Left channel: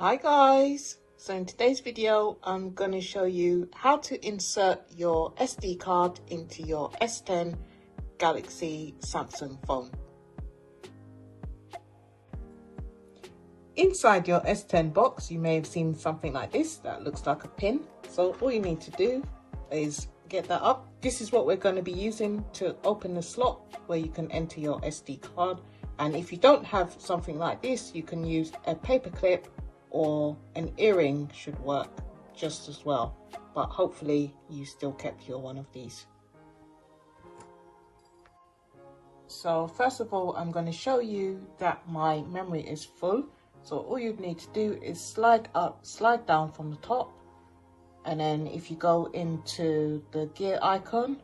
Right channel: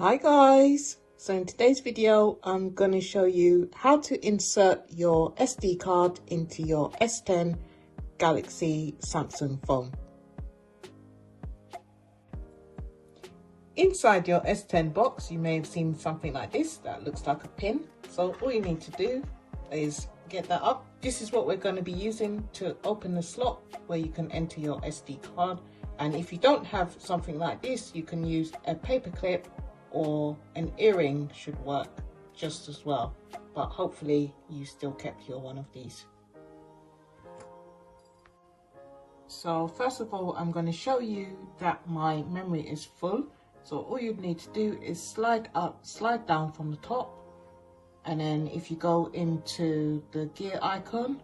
Hi guys, so in today's video I'm going to show you how to insert your SD card into your S10 Galaxy Samsung phone. Inside your S10 box you may have seen something like this that looks like a pin, so all you need to do is get that up. This is what we're going to be using to open the slot where you can enter your SD card, and if you don't have something like this you can use a paper clip or an earring should work just as well, but hopefully you still kept your one of these. So first of all I'm going to show you that my memory is full, so all you need to do is slide down from the top, and then if you go into the gear icon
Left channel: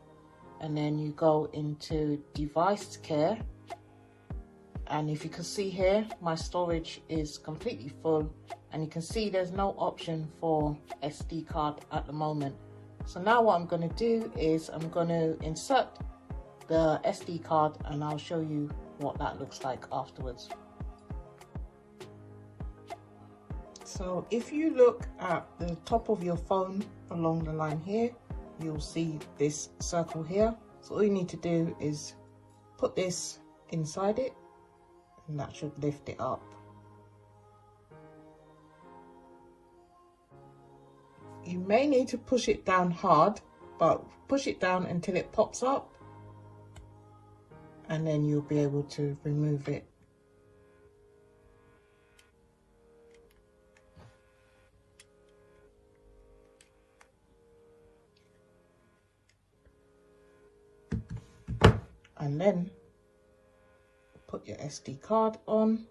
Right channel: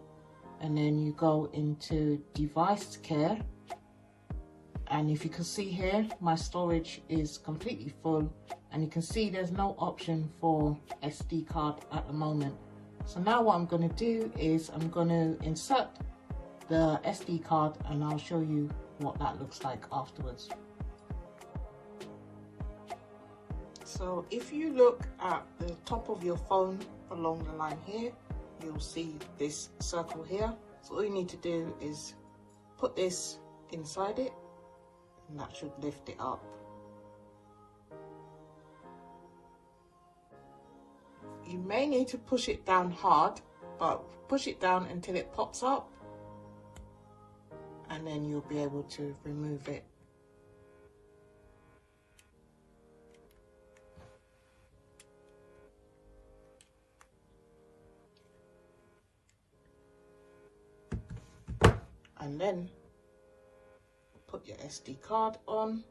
and then you go into device care, and if you can see here my storage is completely full, and you can see there's no option for SD card at the moment. So now what I'm going to do is I'm going to insert the SD card and I'll show you what that looks like afterwards. So if you look at the top of your phone along the line here, you'll see this circle here. So all you need to do is put this inside it and that should lift it up. You may need to push it down hard, but push it down until it pops up and then you'll be able to remove it. And then put your SD card on.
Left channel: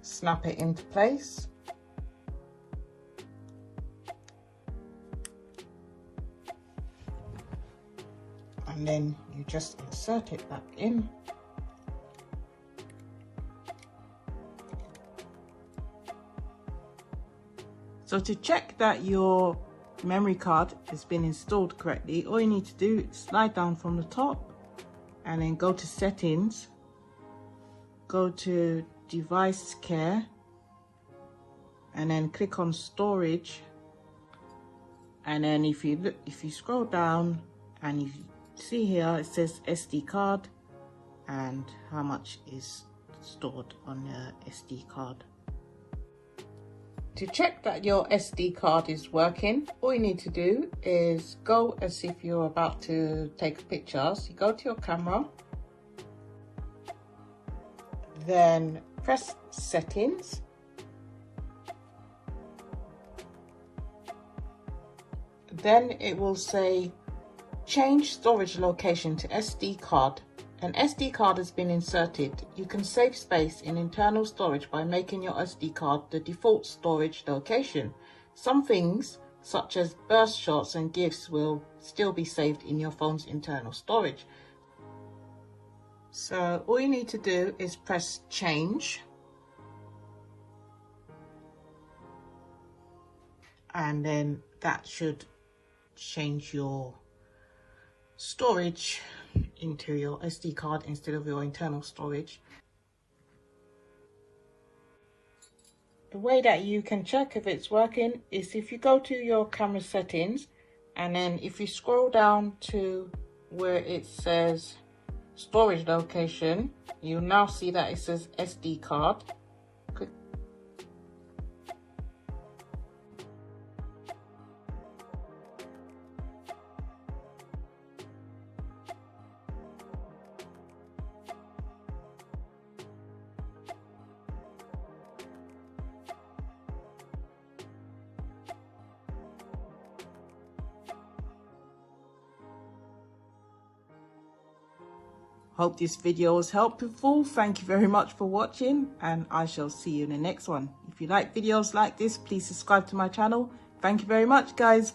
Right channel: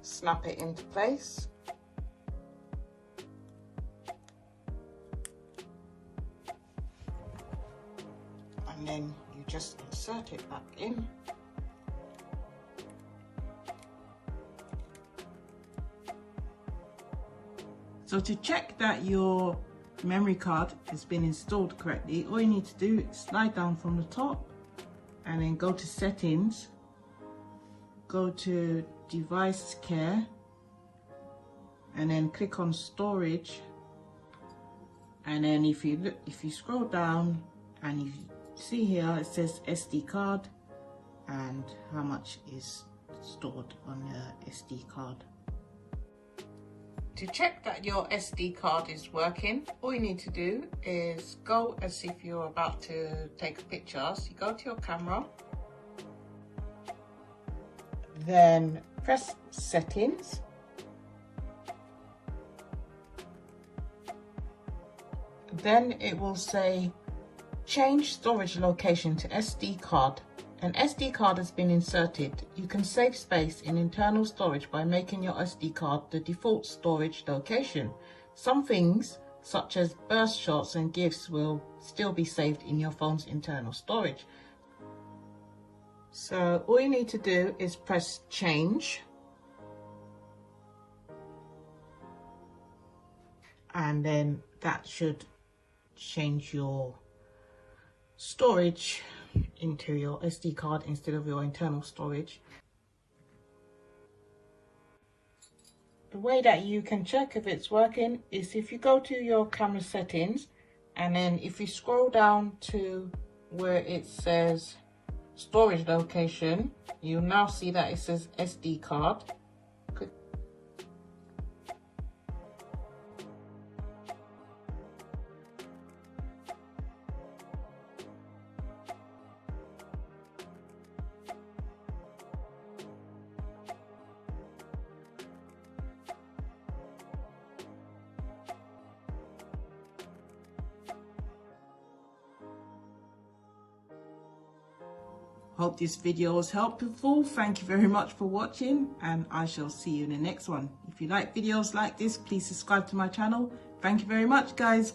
Snap it into place. And then you just insert it back in. So to check that your memory card has been installed correctly, all you need to do is slide down from the top and then go to settings, go to device care, and then click on storage, and then if you scroll down and you see here it says SD card and how much is stored on the SD card. To check that your SD card is working, all you need to do is go as if you're about to take a picture. So you go to your camera, then press settings, then it will say change storage location to SD card. An SD card has been inserted. You can save space in internal storage by making your SD card the default storage location. Some things such as burst shots and GIFs will still be saved in your phone's internal storage. So all you need to do is press change, and then that should change your storage into your SD card instead of your internal storage. The way that you can check if it's working is if you go to your camera settings, and then if you scroll down to where it says storage location, you now see that it says SD card. Hope this video was helpful. Thank you very much for watching, and I shall see you in the next one. If you like videos like this, please subscribe to my channel. Thank you very much, guys.